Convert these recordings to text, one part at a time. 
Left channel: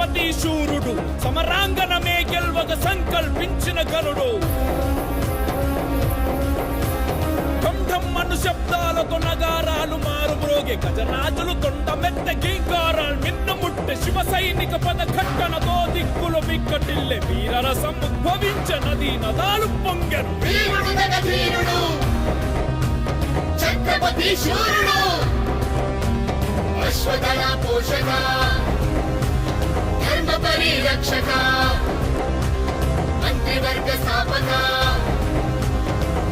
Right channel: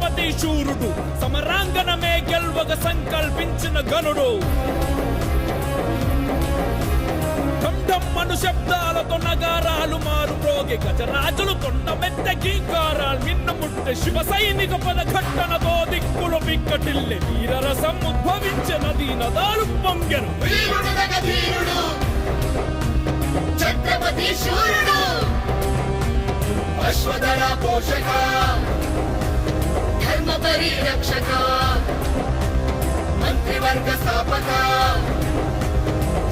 ఛత్రపతి శూరుడు సమరాంగణమే గెల్వక సంకల్పించిన గనుడు మను శబ్దాలతో నగారాలు మారుమోగే గజరాజులు కొండమెత్త గీకారాలు నిన్ను ముట్టె శివ సైనిక పద కట్టనతో దిక్కుల విక్కటిల్లె వీరరసం ఉద్భవించనది నదాలు పొంగెను ఛత్రపతి శూరుడు అశ్వదళ పోషక ధర్మ పరిరక్షక మంత్రివర్గ స్థాపక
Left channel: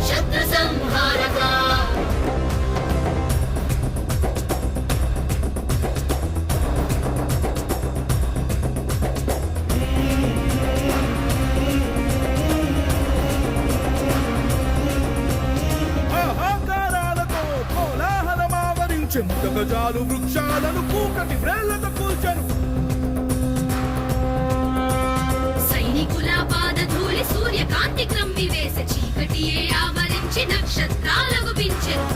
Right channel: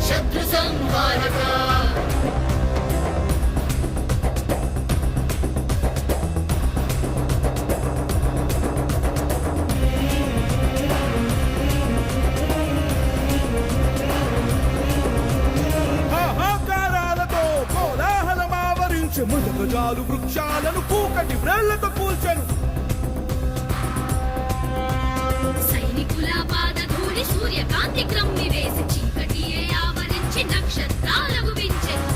శత్రు సంహారక ముడుగజాలు వృక్షాలను కూకటి వ్రేళ్లతో కూల్చని సైనికుల పాదధూళి సూర్యకాంతి క్రమ్మి వేసి చీకటియే ఆవరించి నక్షత్రాలకు పెంచెను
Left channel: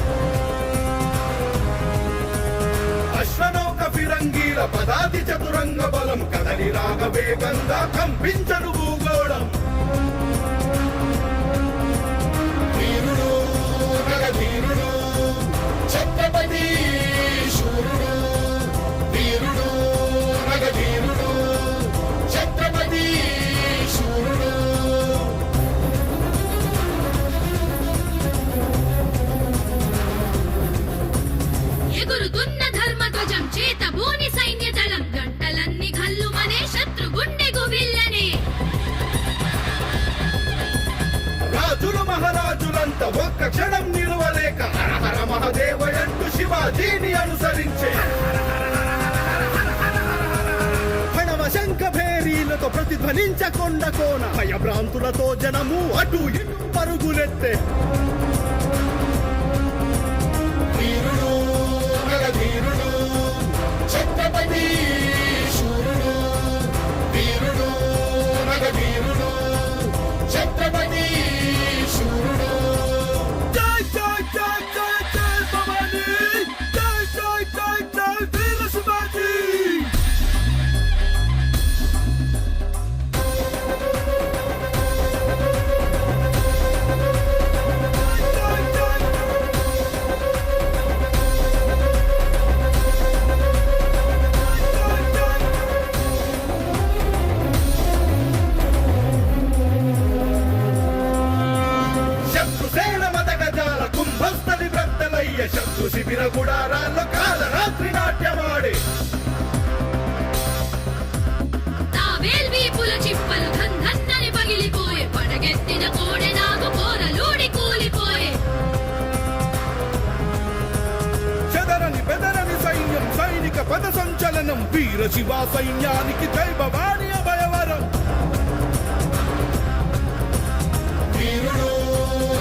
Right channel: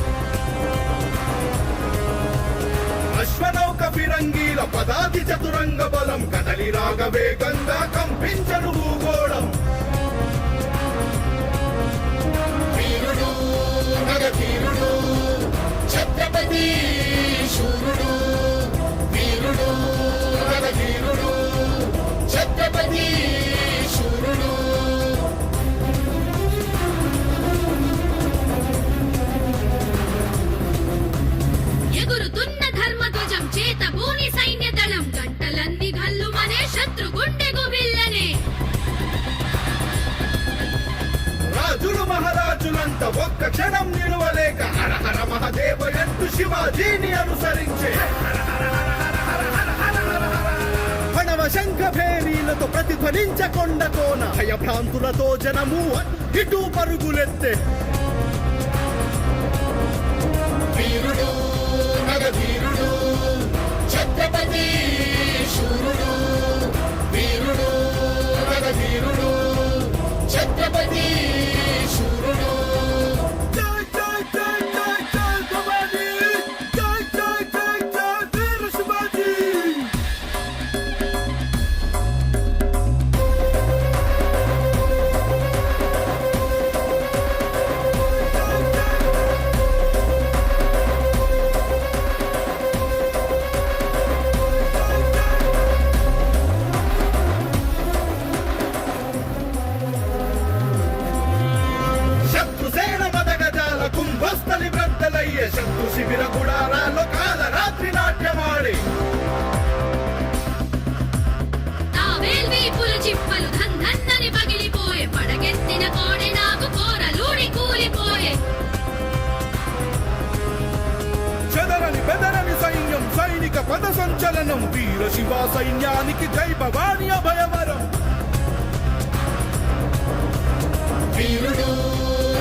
అశ్వనౌక ఫిరంగీల పదాతి చతురంగ బలం కదలి రాగవేగంగా కంపించను భూగోళం వీరుడు నగధీరుడు ఛత్రపతి శూరుడు వీరుడు నగధీరుడు ఛత్రపతి శూరుడు ఎగురుతున్న ధర్మధ్వజం చేత భూని సైన్య దళం గంటలన్నీ గల్లుమనే శత్రు గుండె గుబిల్లనే రాజులు మహారాజులంతా ఒక్క క్షణం నిలువలేక హర హర మహదేవయంటూ శివాజీని అనుసరించే మనవ శంఖ భేరీలతో ప్రతిధ్వనించకొండ కోన భయభ్రాంతులతో జనము అటు ఇటు పరుగులెత్తే వీరుడు నగధీరుడు ఛత్రపతి శూరుడు వీరుడు నగధీరుడు ఛత్రపతి శూరుడు జై జై జై జై జై భవానీ జై జై జై జై వీర శివాజీ శత్రుసేన మదగజాల కుంభస్థలి బ్రద్దలయ్యే శత్రు శిబిర గుడారాల్లో కాలరాత్రి నాట్యమాడి తావేల్వీపుల చిప్పలు ధన్నని పగిలిపోయే పడగెత్తిన కోడె నాగు కోరలూడి కూలిపోయే చెదరని బెదరని సైన్యం సైనిక పద సంచలనం వీర శివ సైన్యానికి జై భవాని అభయవరం వీరుడు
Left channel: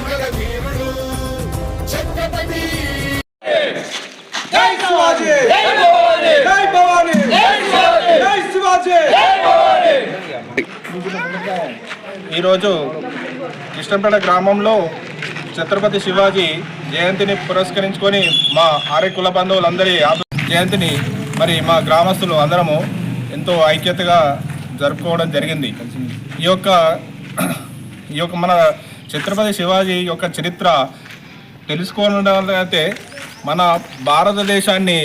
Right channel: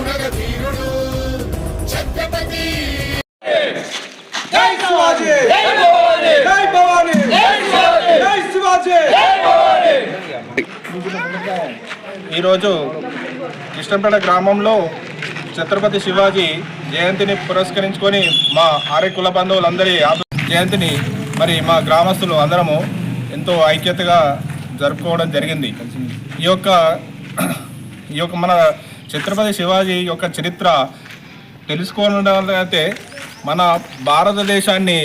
నగధీరుడు ఛత్రపతి జై శివాజీ జై భవానీ జై భవానీ జై శివాజీ జై శివాజీ జై భవానీ. ఈరోజు కృష్ణంపేట గ్రామంలో ఛత్రపతి శివాజీ జయంతిని పురస్కరించుకొని మా ఆర్య కుల బంధువులందరి జయంతిని మరి మా గ్రామస్తులు అందరము ఎంతో ఐక్యతగా జరుపుకోవడం జరిగింది. ఈ యొక్క మన ఛత్రపతి శివాజీ యొక్క చరిత్ర తెలుసుకోవాలంటే మన భారతదేశాన్ని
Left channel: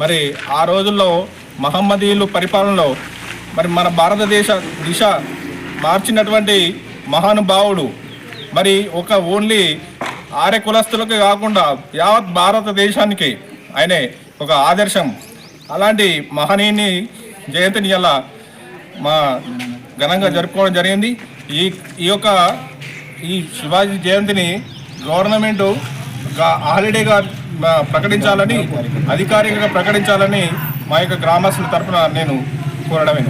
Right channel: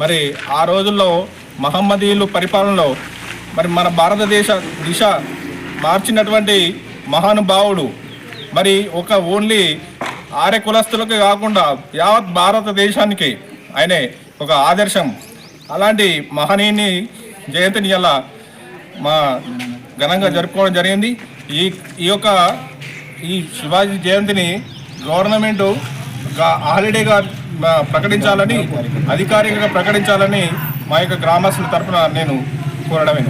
మరి ఆ రోజుల్లో మహమ్మదీయులు పరిపాలనలో మరి మన భారతదేశ దిశ మార్చినటువంటి మహానుభావుడు. మరి ఒక ఓన్లీ ఆర్య కులస్తులకు కాకుండా యావత్ భారతదేశానికి ఆయనే ఒక ఆదర్శం. అలాంటి మహనీయుని జయంతిని ఇలా మా ఘనంగా జరుపుకోవడం జరిగింది. ఈ శివాజీ జయంతిని గవర్నమెంట్ హాలిడేగా ప్రకటించాలని అధికారికంగా ప్రకటించాలని మా యొక్క గ్రామస్తుల తరఫున నేను కోరడమే.